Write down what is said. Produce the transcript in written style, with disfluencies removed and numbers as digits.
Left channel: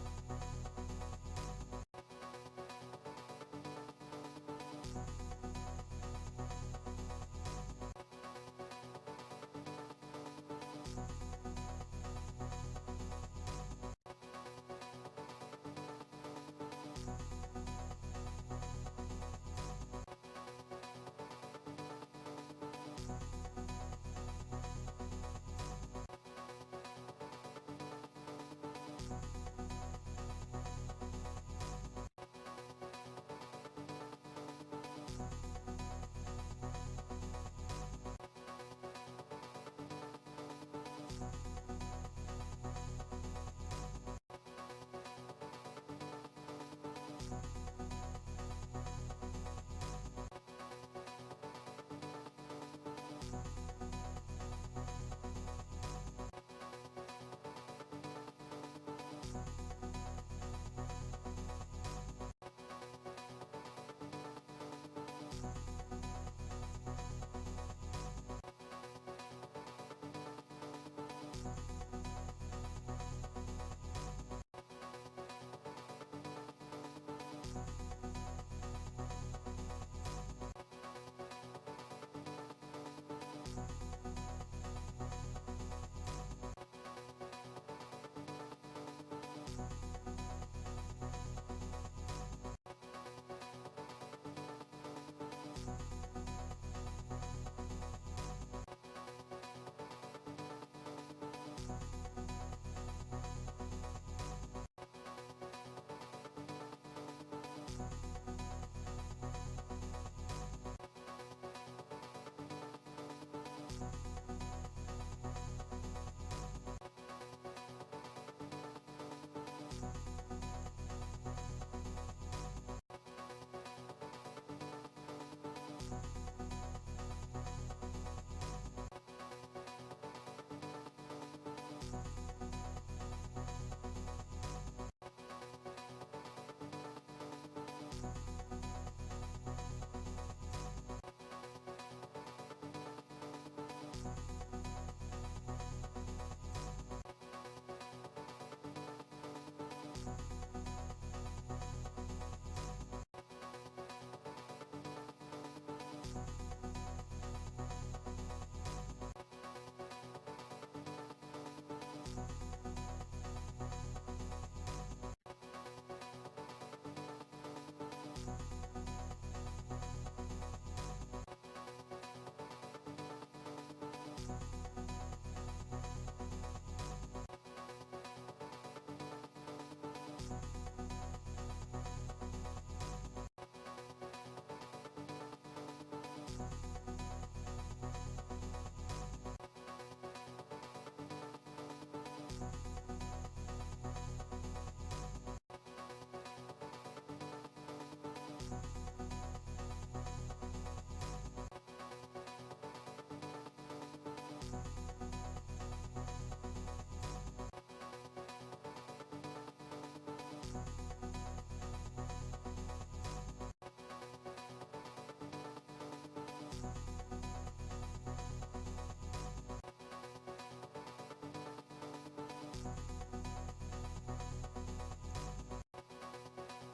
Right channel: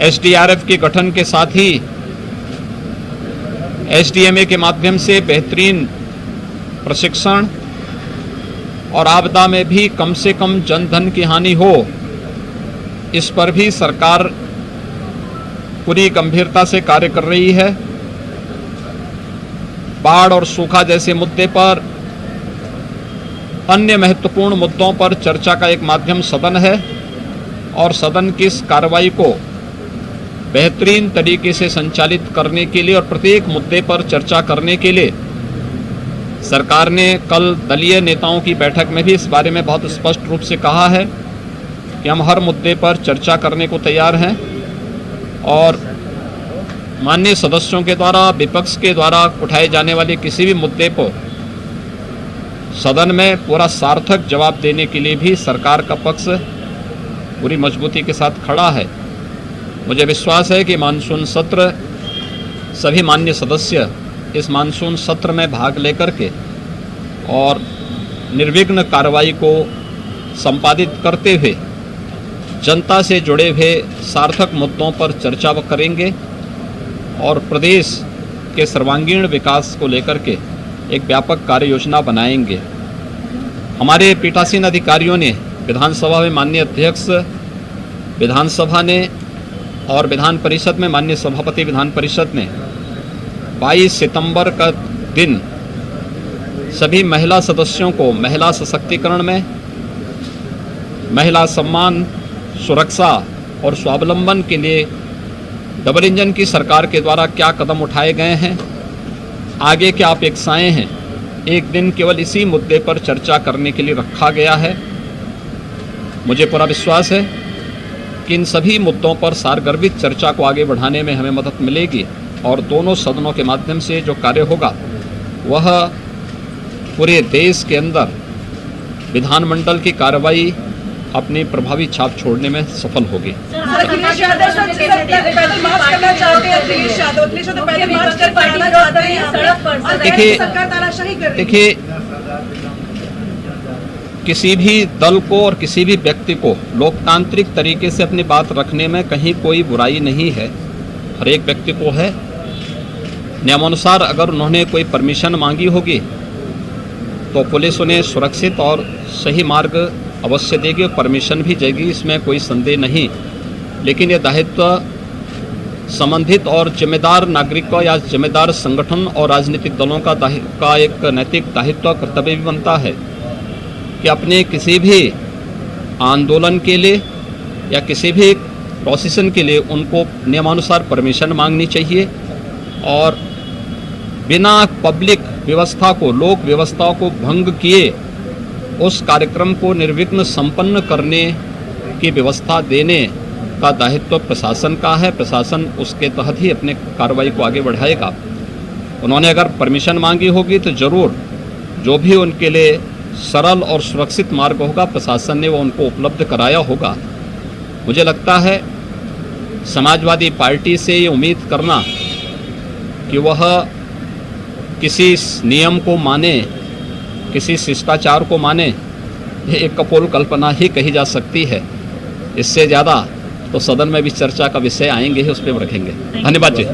SDRF के गठन के साथ ही एसडीएमए के माध्यम से बेहतरीन प्रशिक्षण और आपदा में भी कम से कम जनधन की हानि हो, इस पर भी सरकार पूरी गंभीरता से कार्य कर रही है। बाढ़ और सूखा जैसे मुद्दे पर, अन्य महत्वपूर्ण मुद्दों पर चर्चा का एक माध्यम सदन है और सदन की इस कार्रवाई को बेहतरीन तरीके से संचालित करने के लिए और प्रत्येक मुद्दे पर चर्चा करने के लिए सरकार ने कल दलीय नेताओं की बैठक में भी इस बारे में बहुत स्पष्ट रूप से कहा है कि हम हर मुद्दे पर चर्चा करने को तैयार हैं और माननीय सदस्यों के द्वारा, विपक्ष के द्वारा उठाए जाने वाले किसी भी मुद्दे पर सदन में पूरा सार्थक जवाब देने के लिए भी सरकार का पक्ष पूरी मजबूती के साथ खड़ा है। मुझे विश्वास है कि मानसून सत्र, सभी माननीय सदस्य इस मानसून सत्र में भाग लेकर के और निर्विघ्न कार्रवाई को संपादित करते हुए जनता से जुड़े हुए सार्थक मुद्दों पर चर्चा करेंगे और प्रदेश के सर्वांगीण विकास को लेकर के एक व्यापक कार्य योजना बनाएंगे। हमारे पीठासीन अधिकारियों ने विधानसभा में माननीय अध्यक्ष विधानसभा ने और विधान परिषद में माननीय सभापति विधान परिषद ने 22 सितंबर का दिन सभी महिला सदस्यों को महिला सशक्तिकरण में, महिला सम्मान, सुरक्षा और स्वावलंबन के लिए डबल इंजन की सरकार के द्वारा क्या कदम उठाए गए हैं, आगे क्या अपेक्षाएं हैं, एक दिन केवल इसी मुद्दे पर चर्चा करने के लिए रखा गया है। मुझे पूरा विश्वास है कि इन सभी मुद्दों पर सारगर्भित चर्चा को आगे बढ़ाने में हमें मदद मिलेगी और दोनों सदनों के माध्यम से जो कार्य होगा वह पूरे देश के अंदर विधानमंडल की कार्रवाई अपनी प्रभावी छाप छोड़ने में सफल होगी। देखिए, किसी भी दल को और किसी भी व्यक्ति को लोकतांत्रिक तरीके से अपनी बात रखने में कहीं कोई बुराई नहीं है। हर एक व्यक्ति को है। नियमानुसार अगर उन्होंने कोई परमिशन मांगी होगी तो पुलिस उन्हें सुरक्षित और सही मार्ग अवश्य देगी और परमिशन भी देगी, इसमें कोई संदेह नहीं। लेकिन ये दायित्व संबंधित और जिम्मेदार नागरिकों या जिम्मेदार संगठन और राजनीतिक दलों का एक नैतिक दायित्व कर्तव्य भी बनता है कि अपने किसी भी आंदोलन के लिए या किसी भी प्रोसेशन के लिए उनको नियमानुसार परमिशन मांगनी चाहिए और बिना पब्लिक व्यवस्था को, लोक व्यवस्था को भंग किए उस कार्यक्रम को निर्विघ्न संपन्न करने की व्यवस्था देने का दायित्व प्रशासन का है। प्रशासन उसके तहत ही अपने कार्रवाई को आगे बढ़ाएगा। उन्होंने अगर परमिशन मांगी होगी तो जरूर जो भी उनके लिए सरल और सुरक्षित मार्ग होगा प्रशासन ने वो उनको उपलब्ध कराया होगा। मुझे लगता है समाजवादी पार्टी से ये उम्मीद करना कि वह किसी नियम को माने, किसी शिष्टाचार को माने, ये एक कपोल कल्पना ही कही जा सकती है। इससे ज़्यादा तो सदन में भी चर्चा का विषय आएंगे ही, उस पर रखेंगे। धन्यवाद जी।